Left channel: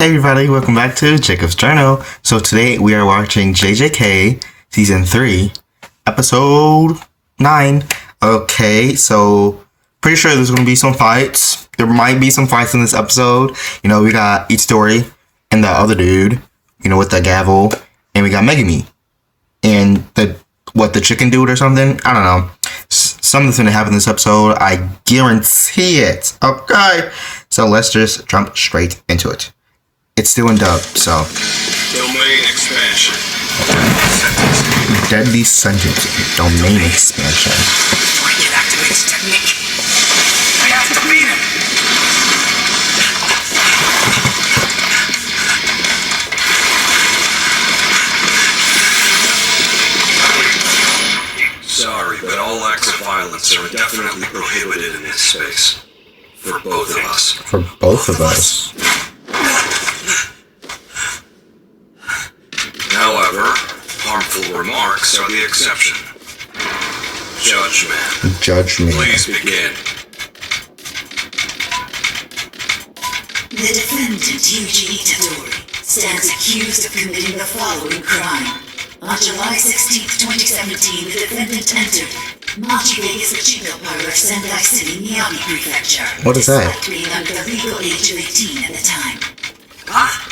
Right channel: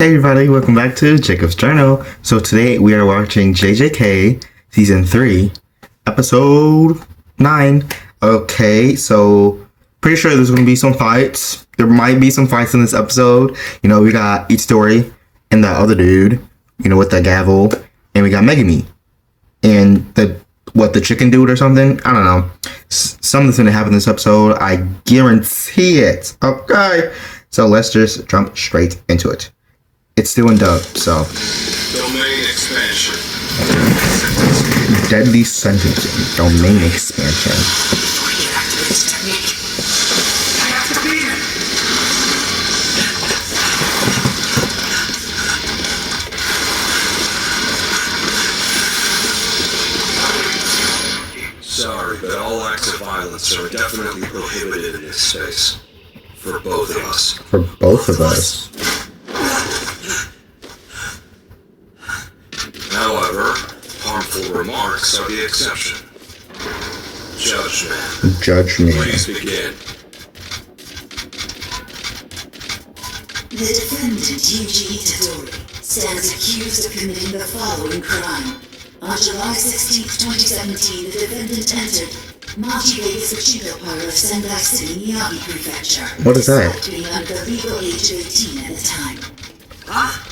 Hey everybody, welcome back to Jacob's Journal. So today we are watching JJK Season 3, Episode 9. Okay, so pretty sure there's going to be some fights. There might be some fights in this episode. You know, we got Itadori and the other dude, you know, with the gavel. And we got Megumi. And the chicken dude or something? I don't know. Something's going to happen in this episode. I guarantee it. Okay, so let's just jump straight into it. It's still in dub, so. Domain expansion. Deadly sentence. Domain expansion. We can activate his technique. I have to beat him. Sorry, but all acts of violence are definitely prohibited in this space. For both of us. For both of us. However, harmful remarks are the exception. Judgment. Judgment. Please begin. The defendant, Yuji Itadori, stands accused of committing the following crime. On July 16, 2017, the defendant entered Machi Vegas Pachinko Parlor, Sendai City, Miyagi Prefecture. What is that? Despite being under the legal age of 18 at the time. Huh?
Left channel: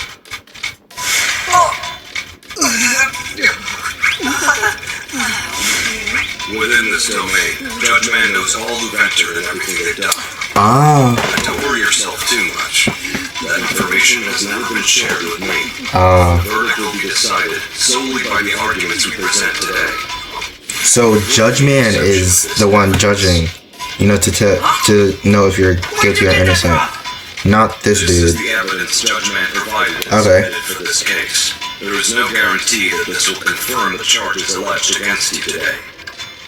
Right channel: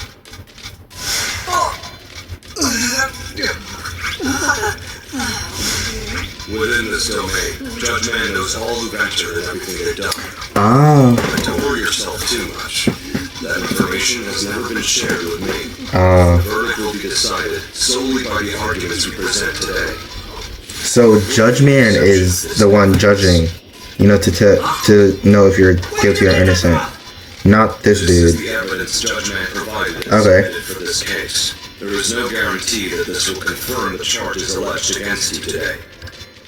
Within this domain, Judge Man knows all who've entered and everything they've done. Oh. Don't worry yourself too much. That information has never been shared with me. The verdict will be decided solely by the arguments we present today. So Judge Man is the one judging, you know, to know if you're guilty or innocent. Not this This is dude. the evidence Judge Man provided and Okay. submitted for this case. There is no guarantee that this will confirm the charges alleged against you today.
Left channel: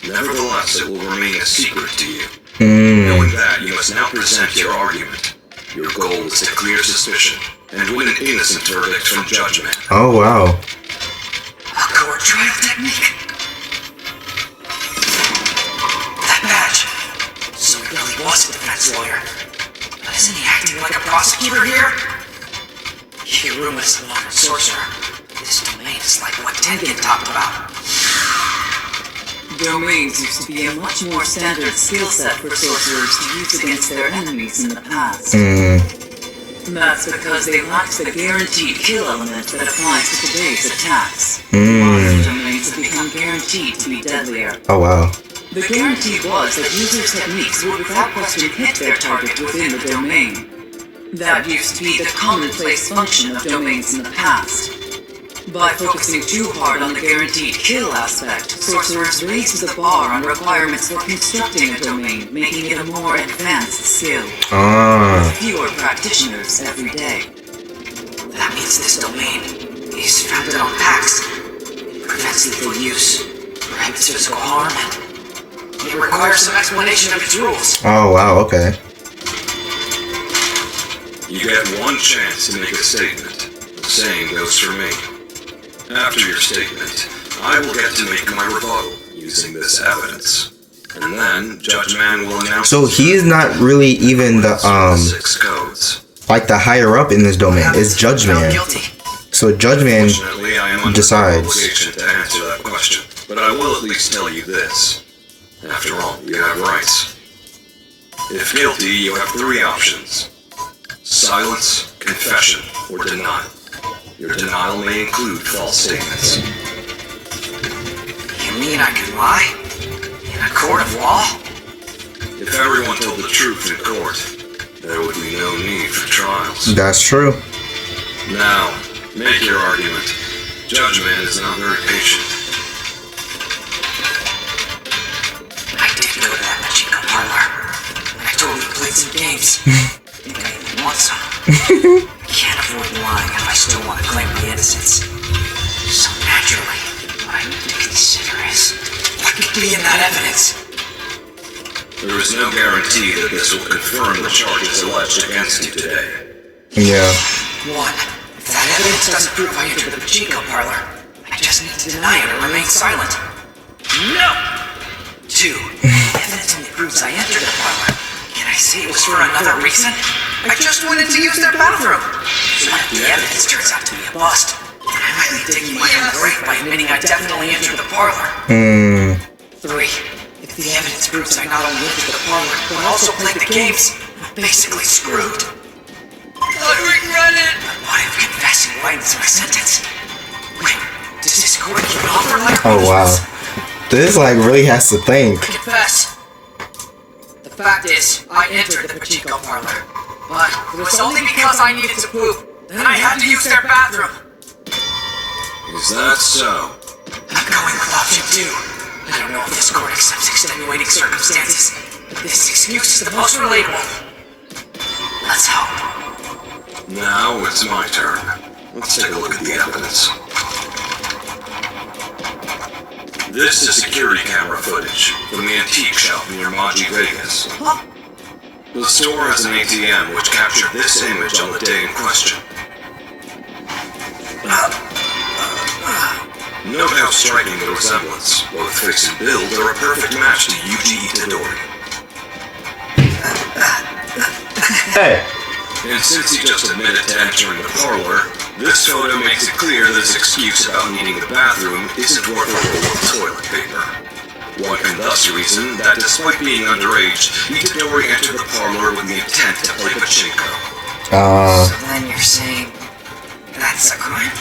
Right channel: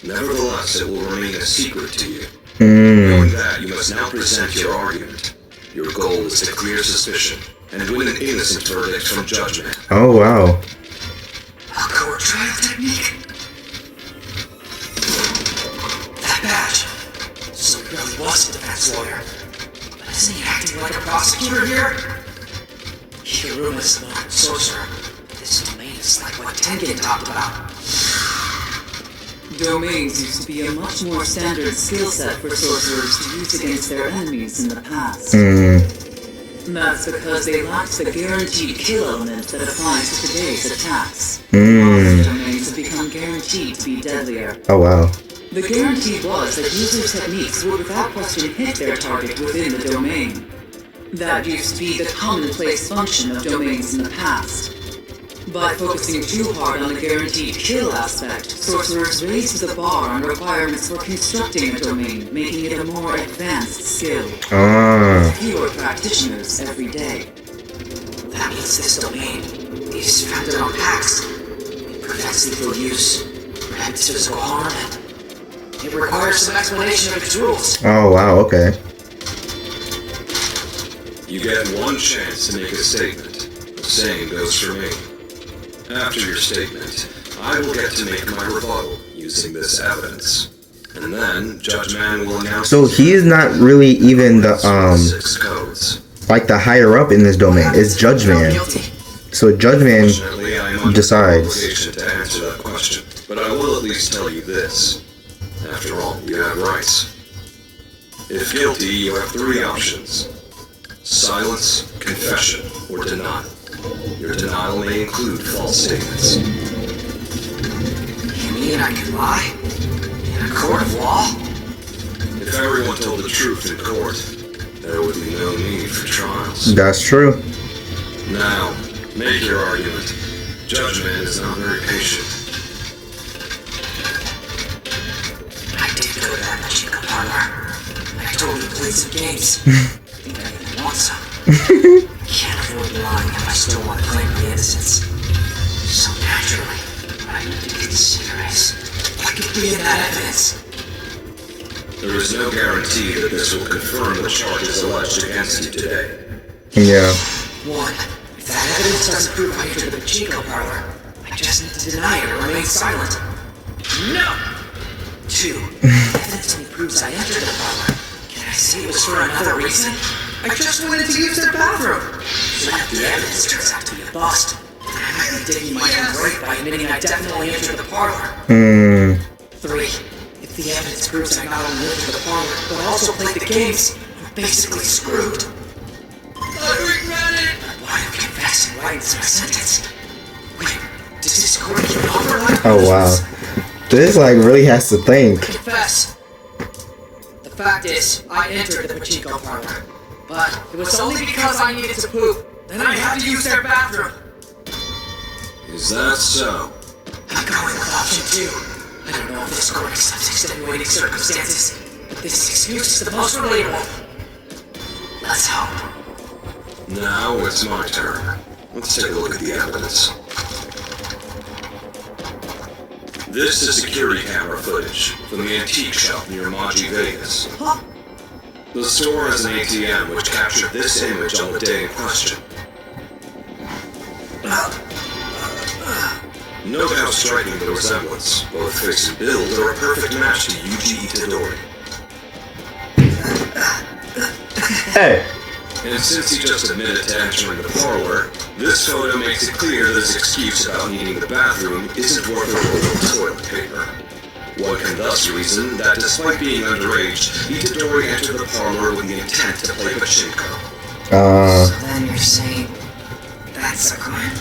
Nevertheless, it will remain a secret to you. Knowing that, you must now present your argument. Your goal is to clear suspicion and win an innocent verdict from Judge Man. Oh wow. A court trial technique? That badge. So he really was a defense lawyer. But isn't he acting like a prosecutor here? Hiruma is not a sorcerer. This domain is like what Tengen talked about. Domains used to be a much more standard skill set for sorcerers to use against their enemies in the past. That's because they lacked the guaranteed kill element that applies to today's attacks. Modern domains have become guaranteed to be deadlier. Oh wow. The guarantee was that users' techniques would without question hit their target within the domain. That used to be the commonplace function of domains in the past. By focusing too hard on the guaranteed kill aspect, sorcerers raised the bar on requirements for constructing a domain, making it a more advanced skill. With fewer practitioners every day. That means this domain is founded on pacts. It prevents lethal use, prohibits physical harm, and it requires some explanation of its rules. Oh wow, okay. You get one chance to make a statement. The same goes for me. After your statement, I will get to make my rebuttal using this evidence. And then, Judge Man will announce... So he is not really even the 6 codes. like the higher up in this domain. It's Judge Man. Guilty. So Judge Man Fortunately, I am under decides. no obligation to answer that question. But I will at least tell you this. After all, you have rights. If guilty, you have 3 options. Silence, confession, or denial. Your denial may include false statements. You mean I can lie? In a court of law? If everyone told the truth in court, there would be no need for trials. That's true. Now, make your argument. Judge Man is not very patient. I did go to that Pachinko parlor. I totally played some games. Think I even want some. Can't afford lying if I still want to claim my innocence. So naturally, what I need to consider is what could be in that evidence. There is no guarantee that this will confirm the charges alleged against you today. Yeah. 1. If that evidence doesn't prove I entered the Pachinko parlor, I just need to deny it or remain silent. No! 2. If evidence only proves I entered the parlor, can I say it was for another reason? I just wanted to use the bathroom. So if the evidence turns out to be a bust, I might be digging my own grave by admitting I definitely entered the parlor. 3. If the evidence proves I not only entered the parlor, but also played the games, I'm basically screwed. I regret it! Why am I confessing right into my sentence? Wait, does this court give an offer like Oh wow. This like really has to think. Confess. The fact is, I entered the pachinko parlor, but it was only because I needed to poop. Then I had to use their bathroom. Is that so? I'm going with option 2. I don't know if this court accepts extenuating circumstances, but this excuse is the most relatable. Let's hope. Now it's my turn. Let's take a look at the evidence. This is security camera footage from the antique shop near Maji, Vegas. Huh? The store has an ATM which captured this image on the day in question. Note how striking the resemblance. Both face and build are a perfect match to Yuji Itadori. Hey. And since he just admitted to entering the parlor, this photo makes it clear that his excuse about needing the bathroom isn't worth a roll of toilet paper. One can thus reason that despite being underage, Itadori entered the parlor with the intent to play pachinko. So then you're saying that's a crime?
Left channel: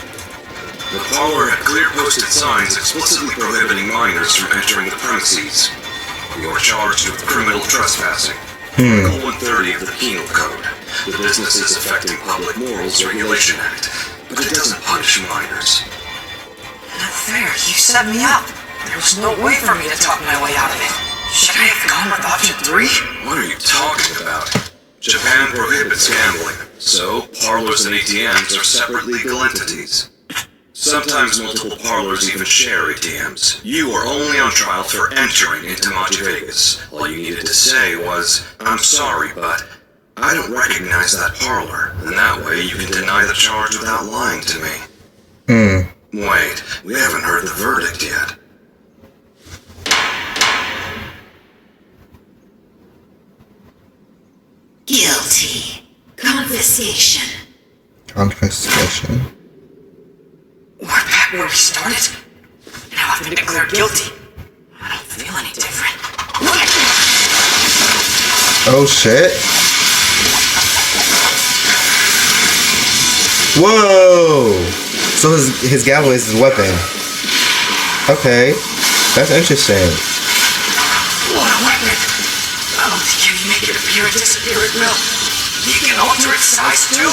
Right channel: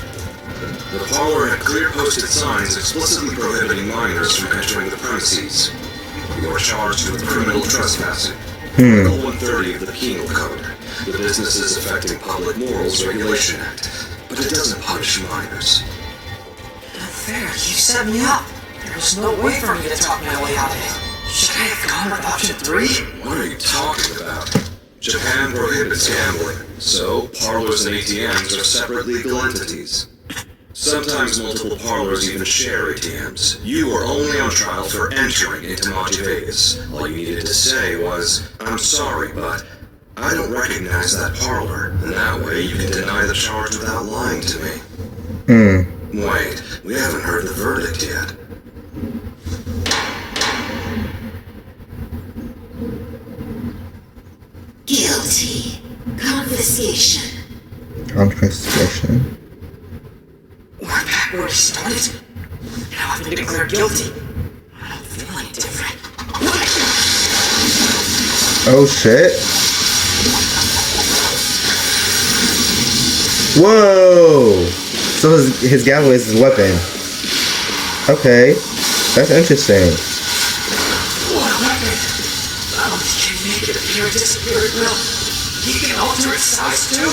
The parlor had clear posted signs explicitly prohibiting minors from entering the premises. You are charged with criminal trespassing. Article 130 of the Penal Code, the Businesses Affecting Public Morals Regulation Act, but it doesn't punish minors. Not fair, you set me up. There was no way for me to talk my way out of it. Should I have gone with option 3? What are you talking about? Japan prohibits gambling, so parlors and ATMs are separate legal entities. Sometimes multiple parlors even share ATMs. You are only on trial for entering into Maji Vegas. All you needed to say was, I'm sorry, but I don't recognize that parlor, and that way you can deny the charge without lying to me. Wait, we haven't heard the verdict yet. Guilty. Confiscation. Confiscation. We're back where we started. Now I've been declared guilty. I don't feel any different. Oh shit. Whoa! So his gavel is his weapon. Okay. That's interesting. What a weapon! Not only can you make it appear and disappear at will, you can alter its size too!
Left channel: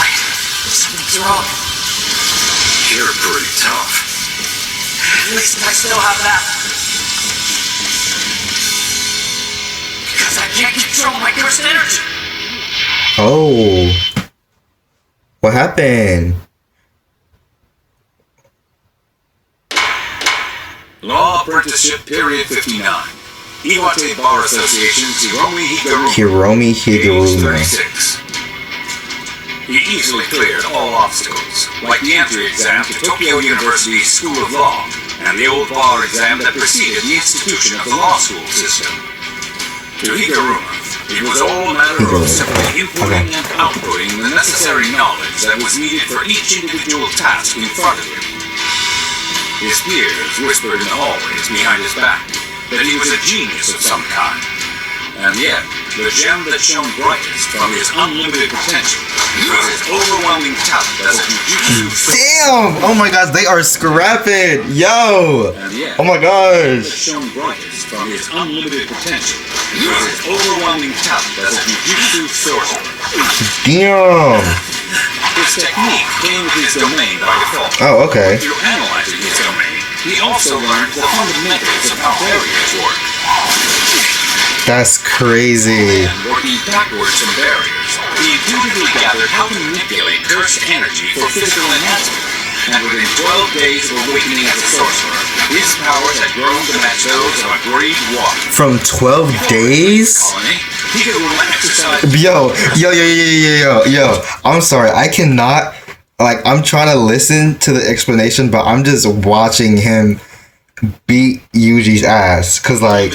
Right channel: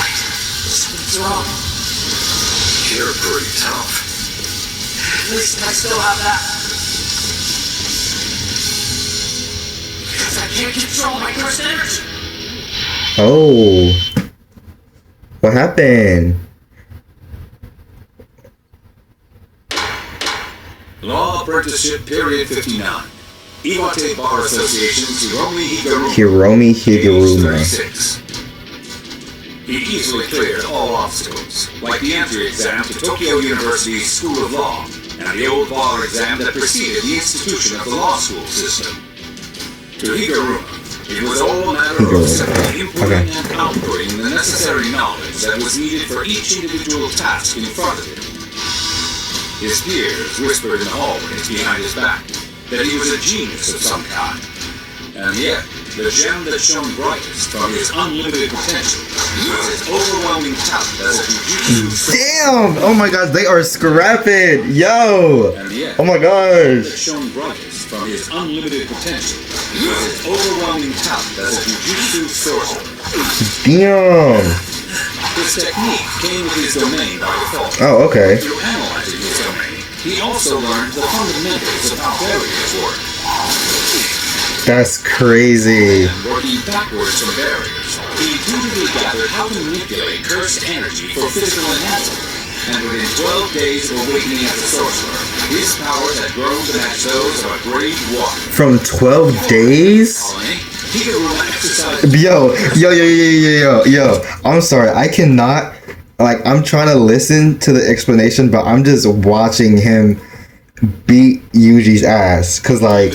Wait, something's wrong. You're pretty tough. At least I still have that. Because I can't control my cursed energy! Oh. What happened? Law Apprenticeship Period 59. Iwate Bar Association's Hiromi Hiromi Higuruma. 36. He easily cleared all obstacles, like the entry exam to Tokyo University's School of Law, and the old bar exam that preceded the institution of the law school system. To Higuruma, it was all a matter of simply inputting and outputting the necessary knowledge that was needed for each individual task in front of him. His peers whispered in the hallways behind his back that he was a genius of some kind. And yet, the gem that shone brightest from his unlimited potential was his overwhelming talent as a jujutsu. Damn! Oh my gosh, they are scrapping! Yo! And yet, Oh my that gosh! shone brightest from his unlimited potential was his overwhelming talent as a jujutsu sorcerer. Damn! His technique came with his domain by default. Oh, okay. Through analyzing his domain, he also learned the fundamentals of how barriers work. That's crazy. And working backwards from barriers, he intuitively gathered how to manipulate cursed energy for physical enhancement. And within 12 days of awakening as a sorcerer, his powers had grown to match those of a grade 1. From 12 days? Yo. I'm sorry. I cannot, like, I'm trying to listen to the explanation, but I'm just watching him beat Yuji's ass. Cause, like,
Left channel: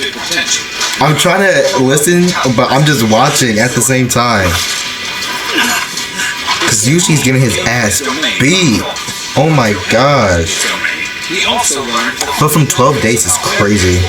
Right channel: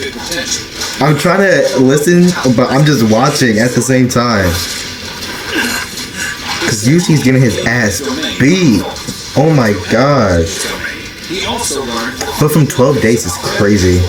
I'm trying to listen, but I'm just watching at the same time. Cause Yuji's getting his ass beat. Oh my gosh. He also learned But from 12 days is crazy.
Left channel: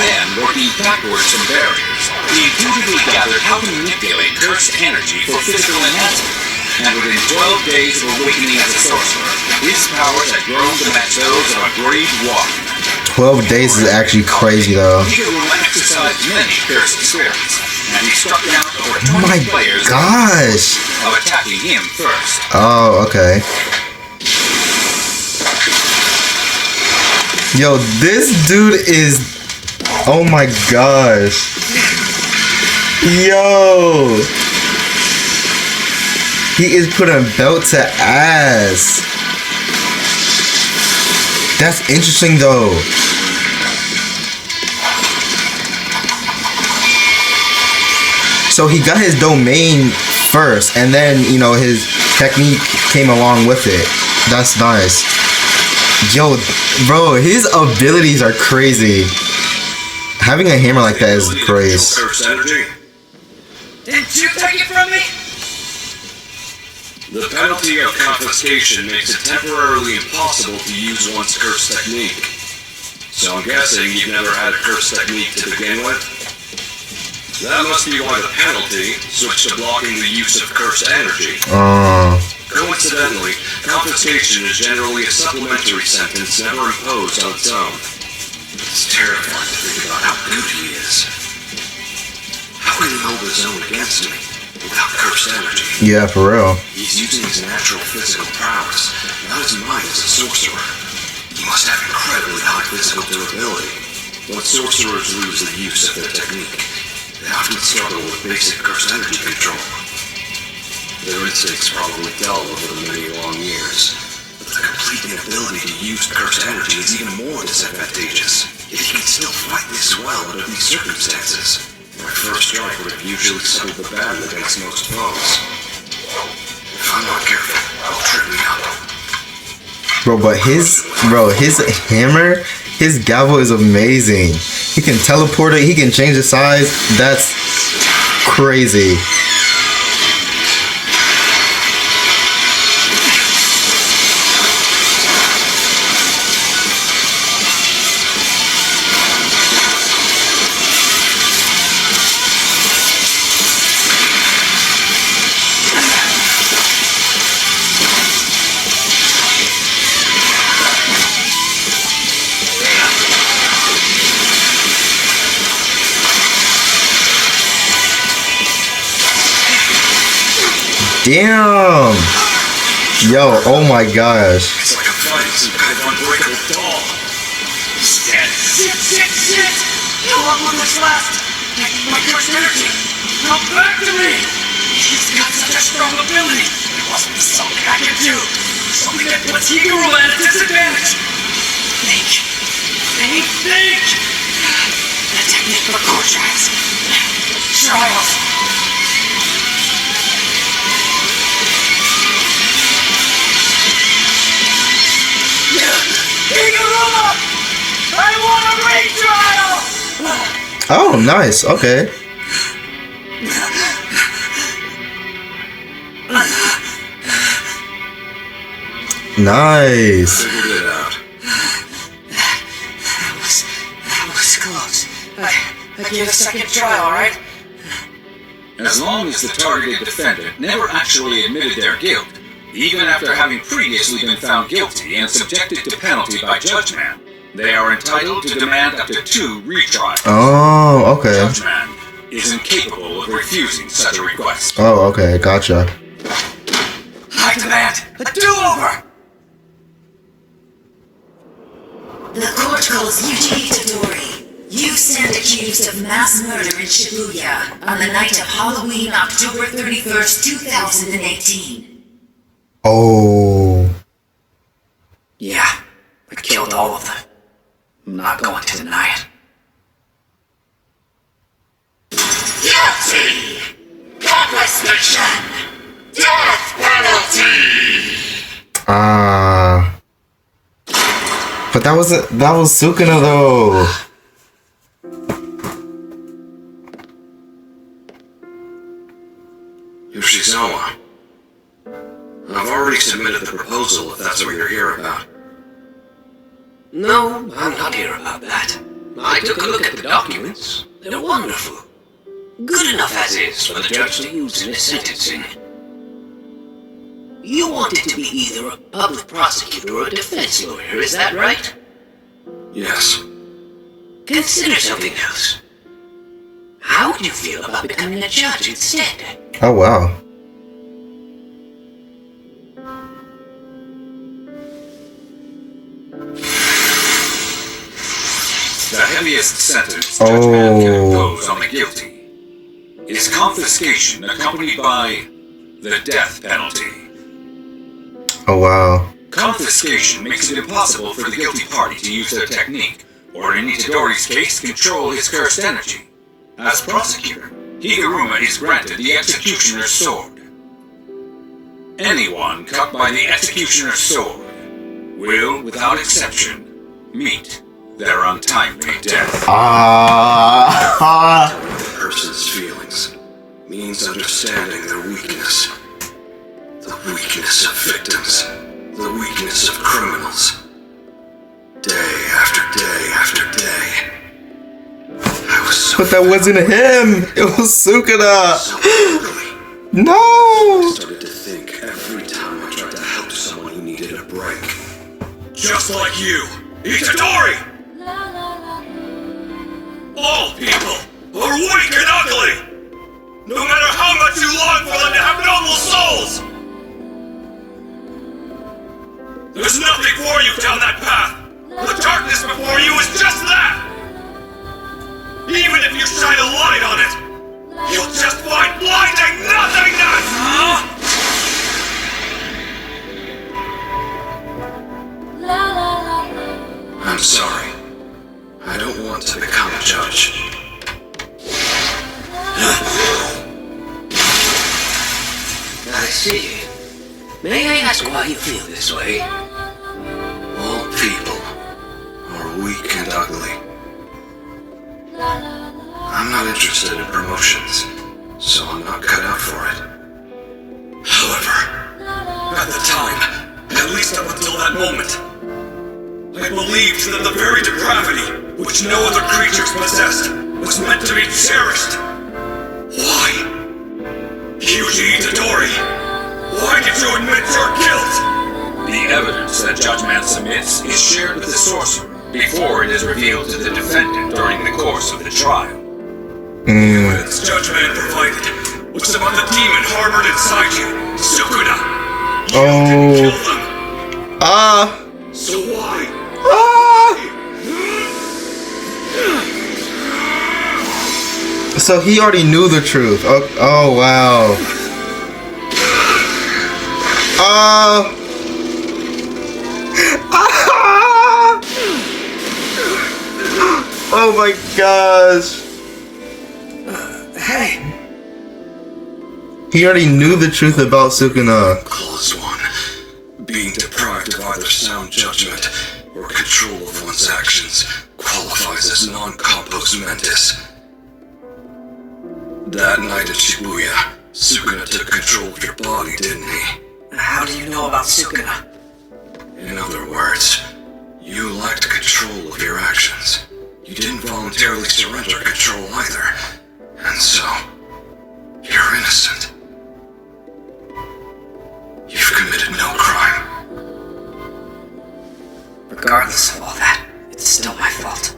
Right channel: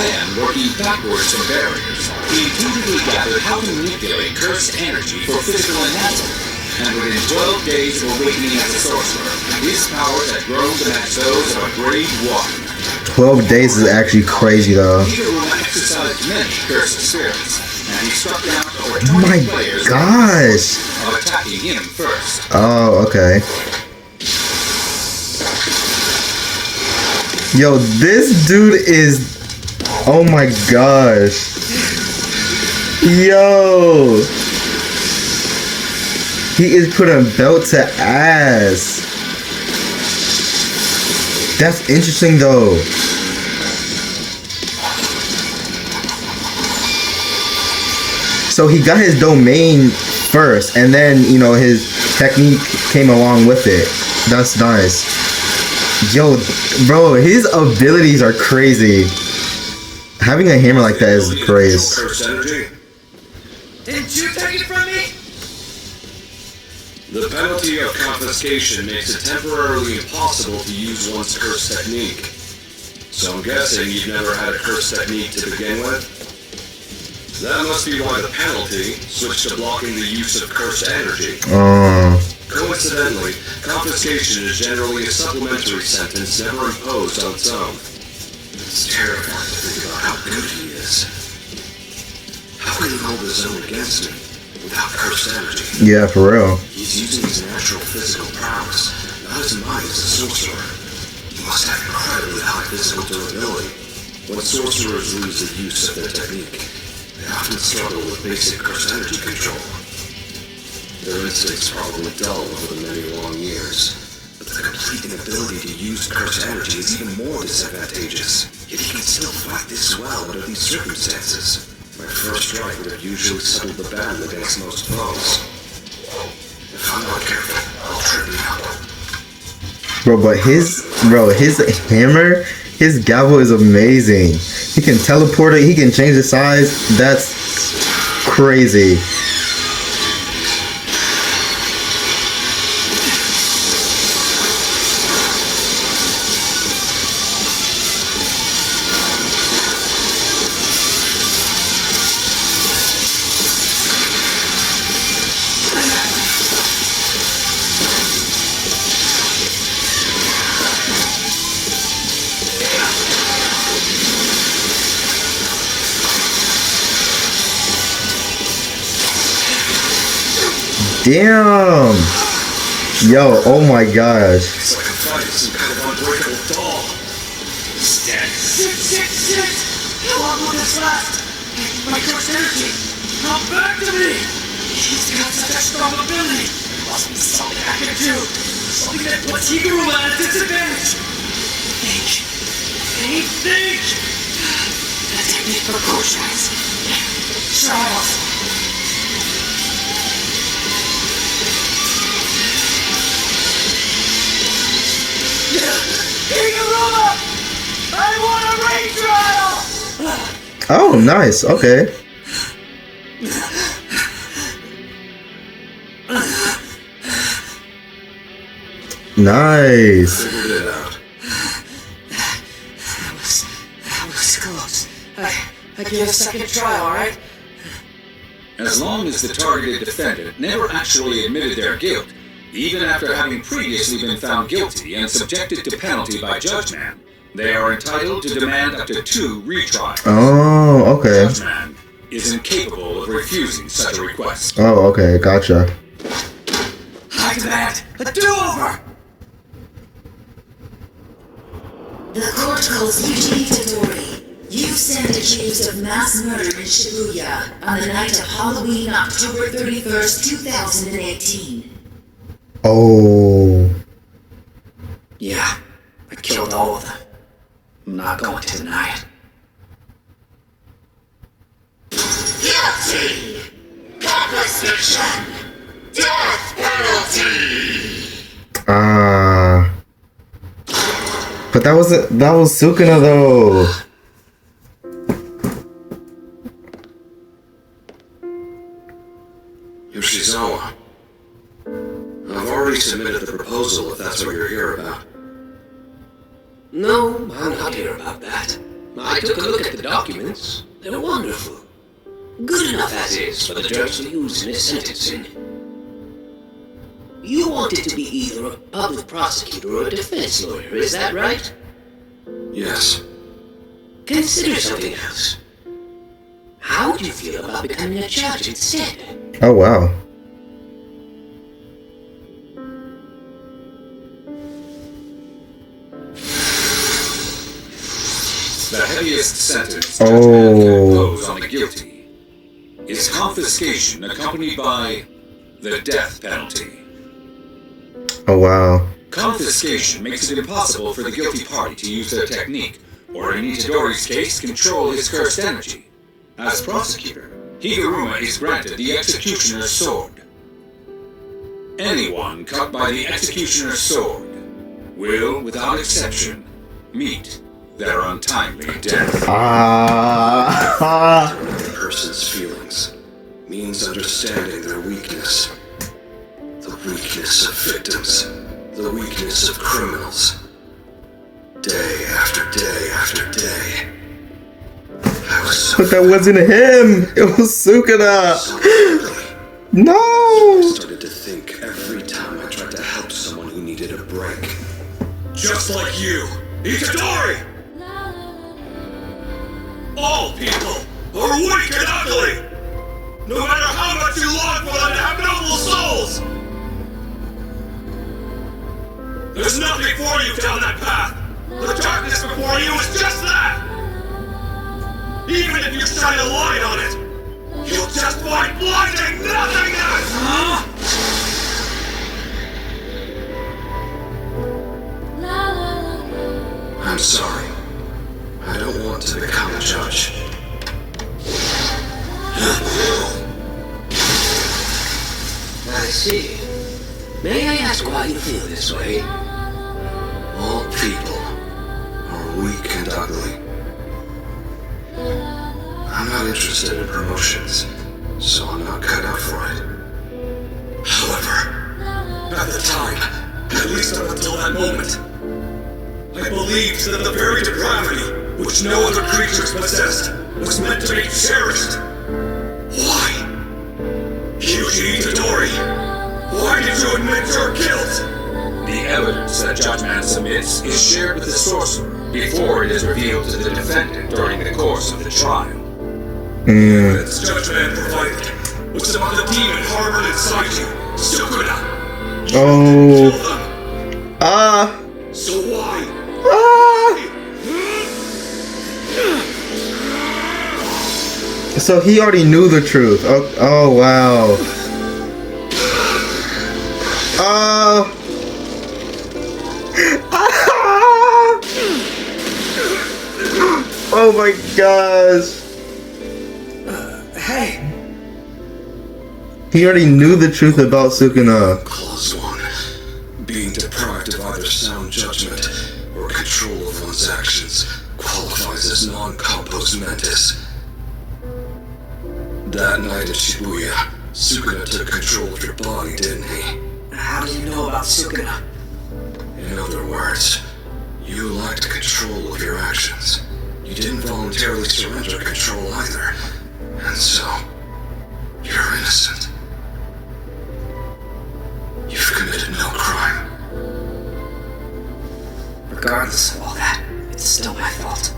then, working backwards from barriers, he intuitively gathered how to manipulate cursed energy for physical enhancement. And within 12 days of awakening as a sorcerer, his powers had grown to match those of a brave warrior. 12 days is actually crazy though. Higuruma exercised many cursed spirits, and he struck down over Oh 20 my players gosh. of attacking him first. Oh, okay. Yo, this dude is... Oh my gosh. Yo. He is putting belt to ass. That's interesting though. So he got his domain first, and then, you know, his technique came along with it. That's nice. Yo, bro, his abilities are crazy. Having a hammer like that is crazy. Cursed energy. Didn't you take it from me? The penalty of confiscation makes it temporarily impossible to use one's curse technique. So I'm guessing you've never had a curse technique to begin with? That must be why the penalty switched to blocking the use of curse energy. Coincidentally, confiscation is generally a supplementary sentence never imposed on its own. It's terrifying to think about how good he is. How can he hold his own against me without cursed energy? Yeah, for real. He's using his natural physical prowess, not his mind as a sorcerer. He must have incredibly high physical durability. When sorcerers lose the use of their technique, they often struggle with basic cursed energy control. Their instincts probably dull over the many long years, but the complete inability to use cursed energy is even more disadvantageous. Yet he can still fight this well under these circumstances. My first strike would have usually settled the battle against most foes. If I'm not careful, I'll trip me up. Bro, but his hammer, his gavel is amazing. He can teleport it, he can change the size. That's crazy. Damn! Yo, oh my gosh. It's like I'm fighting some kind of unbreakable doll. He's dead. Shit! How long will this last? I need my cursed energy. Come back to me! He's got such a strong ability. There must be something I can do. Something that puts Higuruma at a disadvantage. Think! The technique for Goshites. Triumph. Higuruma! I want a retrial! Oh, nice. Okay. Nice. Figured it out. That was close. I gave a second try, alright? As long as the targeted defendant never actually admitted their guilt, even after having previously been found guilty and subjected to penalty by Judge Man, they are entitled to demand up to 2 retrials. Oh, okay. Judge Man is incapable of refusing such a request. Oh, okay. Gotcha. I demand a do-over! The court calls Yuji Itadori. You stand accused of mass murder in Shibuya on the night of Halloween, October 31st, 2018. Oh. Yeah, I killed all of them. I'm not going to deny it. Guilty! Godless fiction! Death penalty! But that was Sukuna though. Yoshizawa. I've already submitted the proposal if that's what you're here about. No, I'm not here about that. I took a look at the documents. They're wonderful. Good enough as is for the judge to use in his sentencing. You wanted to be either a public prosecutor or a defense lawyer, is that right? Yes. Consider something else. How would you feel about becoming a judge instead? Oh, wow. The heaviest sentence Judge Man can impose on the guilty is confiscation accompanied by the death penalty. Oh, wow. Confiscation makes it impossible for the guilty party to use their technique, or in Itadori's case, control his cursed energy. As prosecutor, Higuruma is granted the executioner's sword. Anyone cut by the executioner's sword will, without exception, meet their untimely death. The person's feelings means understanding their weakness. The weakness of victims. The weakness of criminals. Day after day after day. I was so But that wasn't him. It was Sukuna. ugly. No. I started to think every time I tried to help someone who needed a break. Just like you, Itadori! All people are weak and ugly! No matter how much you long for them to have noble souls! There's nothing for you down that path! The darkness before you is just that! Even if you shine a light on it, you'll just find blinding nothingness! I'm sorry. I don't want to become a judge. I see. May I ask why you feel this way? All people are weak and ugly. I'm not interested in promotions, so I'm not cut out for it. However, at the time, at least up until that moment, I believed that the very depravity which no other creatures possessed was meant to be cherished. Why? Yuji Itadori, why did you admit your guilt? The evidence that Judge Man submits is shared with the sorcerer before it is revealed to the defendant during the course of the trial. The evidence Judge Man provided was about the demon harbored inside you, Sukuna. You didn't kill them. So why? So he already knew the truth. Oh wow. Oh my gosh. Hey! He already knew the truth about Sukuna. Clause 1. Being deprived of either sound judgment or control of one's actions qualifies as non-compos mentis. That night at Shibuya, Sukuna took control of your body, didn't he? How do you know about Sukuna? In other words, you lacked control of your actions. You didn't voluntarily surrender control either. And so, you're innocent. You've committed no crime. Regardless of all that, it's still my fault.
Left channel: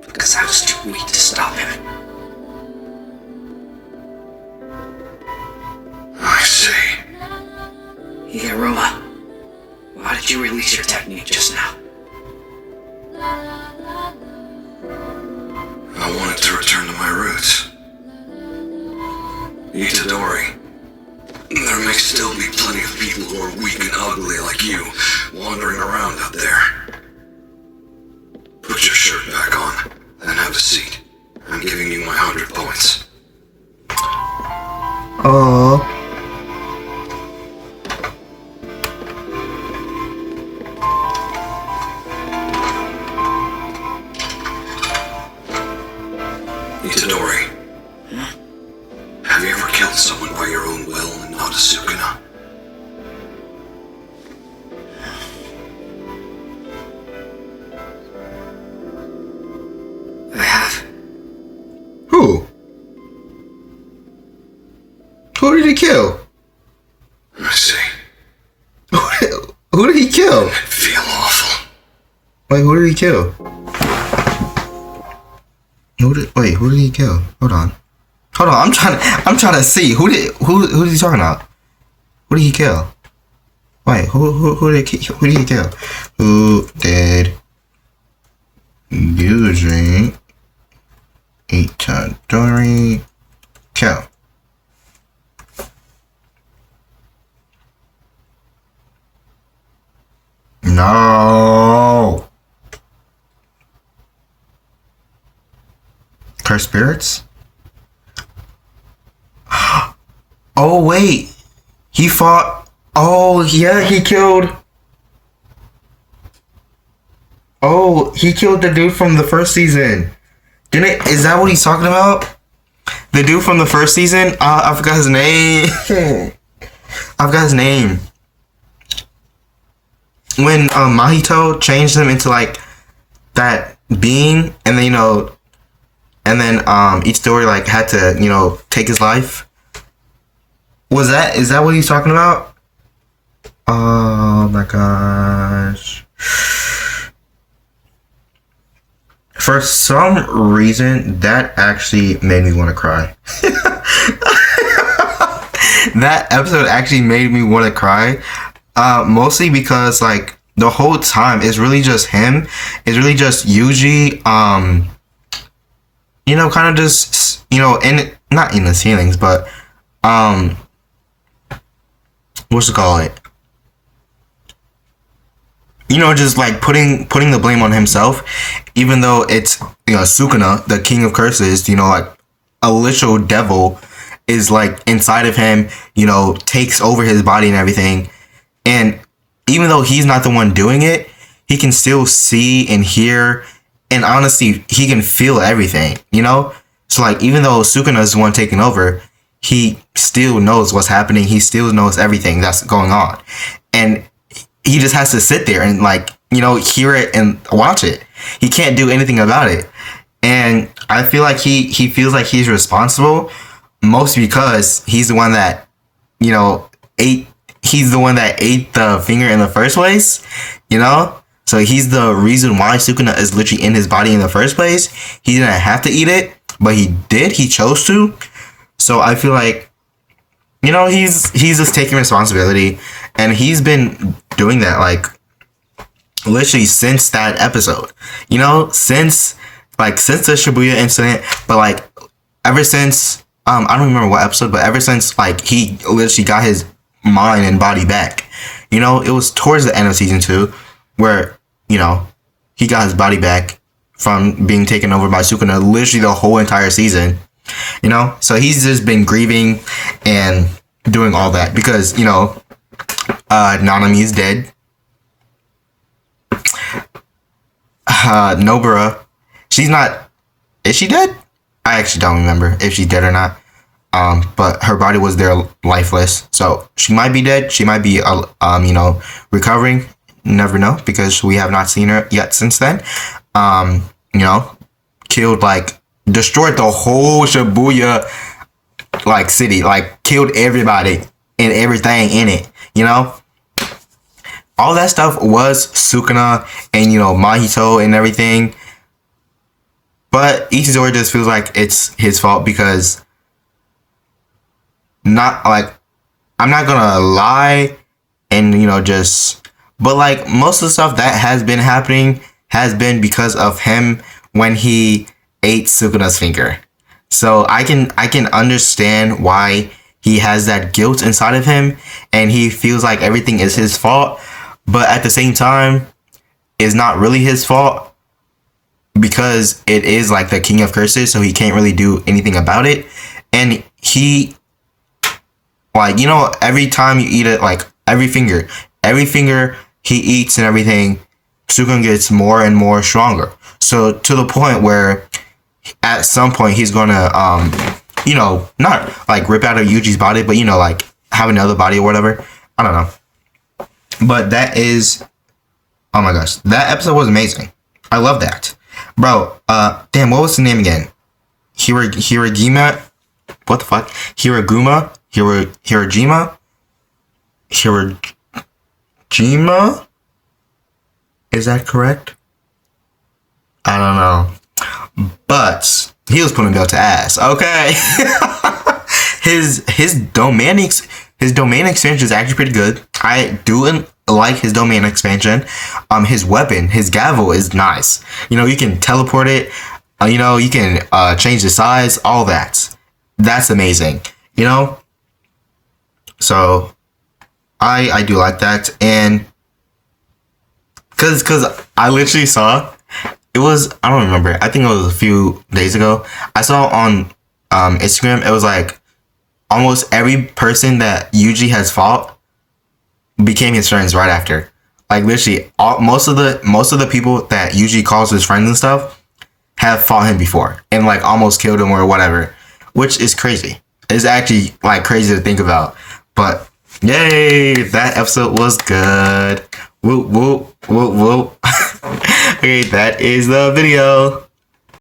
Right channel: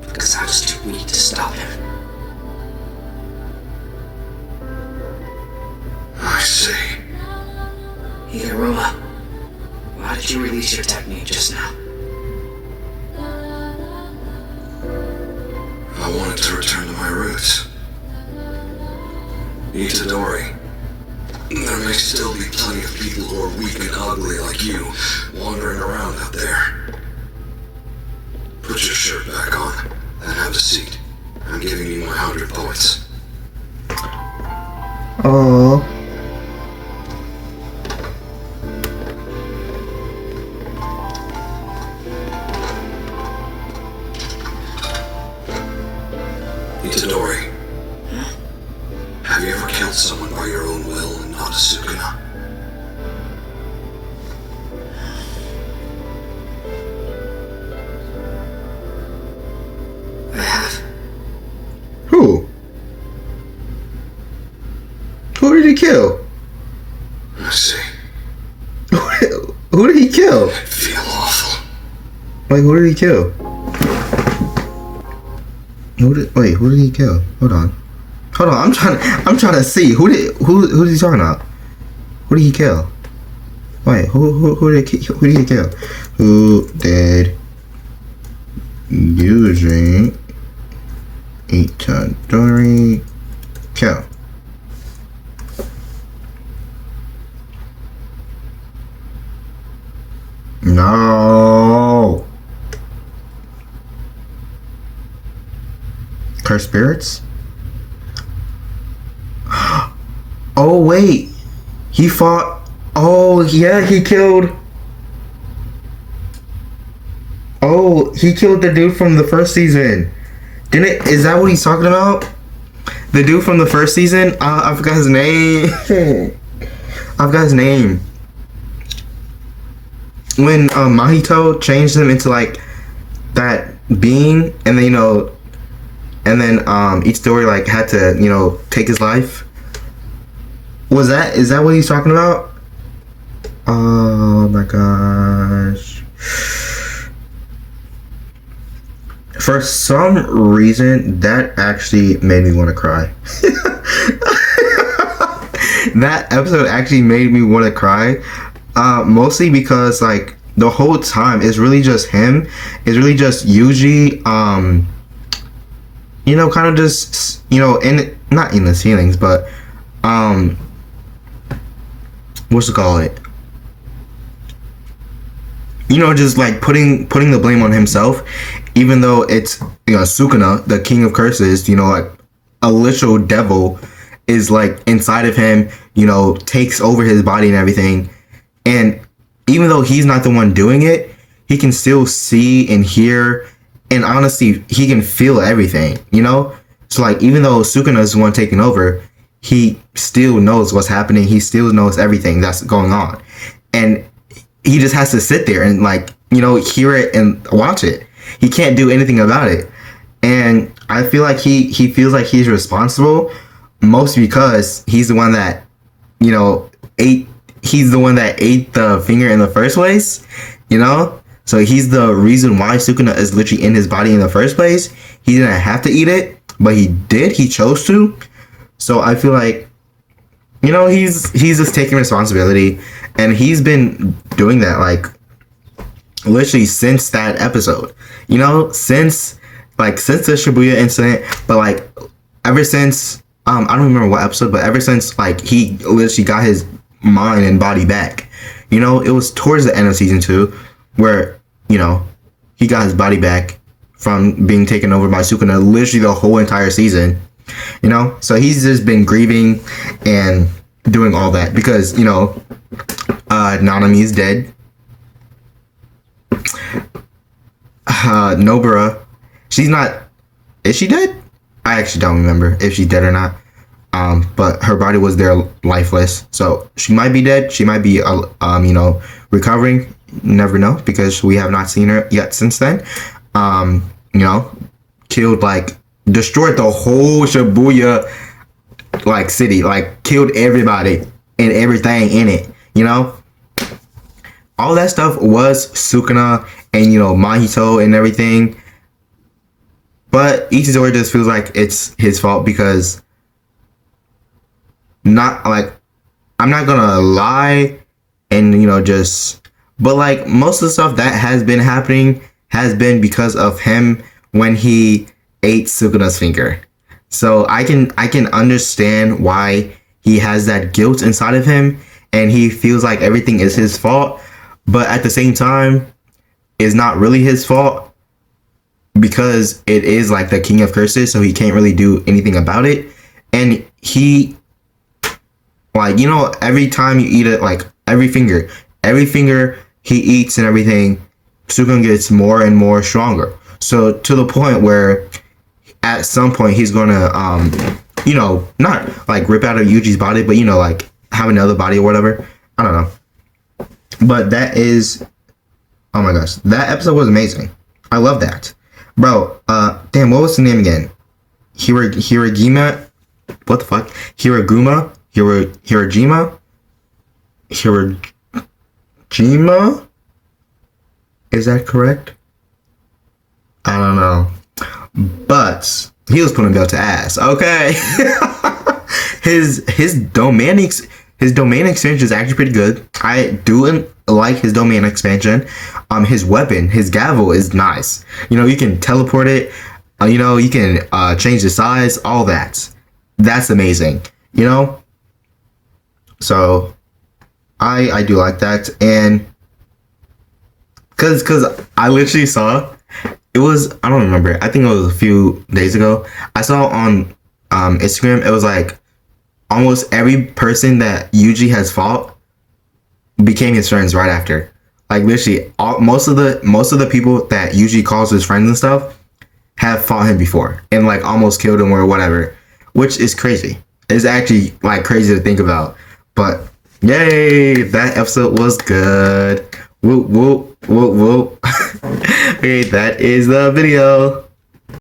Because I was too weak to stop him. I see. Higuruma, why did you release your technique just now? I wanted to return to my roots. Itadori, there may still be plenty of people who are weak and ugly like you wandering around out there. Put your shirt back on, then have a seat. I'm giving you my 100 points. Oh. Itadori, Have you ever killed someone by your own will and not a Sukuna? I have. Who? Who did he kill? I see. Who did he kill? I feel awful. Wait, who did he kill? Who did he kill? Hold on. I'm trying to see who is he talking about? Who did he kill? Wait, who did he kill? Who did Yuji Itadori kill? No. Cursed spirits? Oh wait, he fought. Oh yeah, he killed. Oh, he killed the dude from the first season. Didn't? Is that what he's talking about? The dude from the first season? I forgot his name. I forgot his name. When Mahito changed him into like that being, and then each story like had to take his life. Is that what he's talking about? Oh my gosh. For some reason, that actually made me want to cry. That episode actually made me want to cry. Mostly because like the whole time it's really just him. It's really just Yuji. Kind of just not in his feelings, but what's it called? Just like putting the blame on himself, even though it's Sukuna, the king of curses, like a literal devil is like inside of him, takes over his body and everything. And even though he's not the one doing it, he can still see and hear, and honestly, he can feel everything, So like, even though Sukuna is the one taking over, he still knows what's happening. He still knows everything that's going on. And he just has to sit there and like, hear it and watch it. He can't do anything about it. And I feel like he feels like he's responsible, mostly because he's the one that, he's the one that ate the finger in the first place, So he's the reason why Sukuna is literally in his body in the first place. He didn't have to eat it, but he did. He chose to. So I feel like, he's just taking responsibility, and he's been doing that like literally since that episode. Since the Shibuya incident, but like ever since I don't remember what episode, but ever since like he literally got his mind and body back. It was towards the end of season 2 where, he got his body back from being taken over by Sukuna literally the whole entire season. So he's just been grieving and doing all that because, Nanami is dead. Nobara, is she dead? I actually don't remember if she's dead or not. But her body was there lifeless, so she might be dead. She might be, recovering. Never know, because we have not seen her yet since then. Killed, destroyed the whole Shibuya, city, killed everybody and everything in it. All that stuff was Sukuna and Mahito and everything. But Itadori just feels like it's his fault because. I'm not gonna lie and but most of the stuff that has been happening has been because of him when he ate Sukuna's finger. So I can understand why he has that guilt inside of him and he feels like everything is his fault, but at the same time it's not really his fault because it is like the king of curses, so he can't really do anything about it. And he every time you eat it, every finger he eats and everything, Sukuna gets more and more stronger. So to the point where at some point he's gonna you know, not like rip out of Yuji's body, but you know, like have another body or whatever. I don't know. But that is, oh my gosh, that episode was amazing. I love that. Bro, damn, what was the name again? Hiragima? What the fuck? Hiraguma? Hirajima? Hirajima? Is that correct? I don't know. But he was putting belt to ass. Okay. his domain expansion is actually pretty good. I do like his domain expansion. His weapon, his gavel is nice. You know, you can teleport it. You know, you can change the size, all that. That's amazing. You know? So I do like that. And cause I literally saw, it was, I don't remember, I think it was a few days ago. I saw on Instagram, it was like almost every person that Yuji has fought became his friends right after. Like literally most of the people that Yuji calls his friends and stuff have fought him before and like almost killed him or whatever, which is crazy. It's actually like crazy to think about. But yay, that episode was good. Whoop whoop whoop whoop. Okay, that is the video.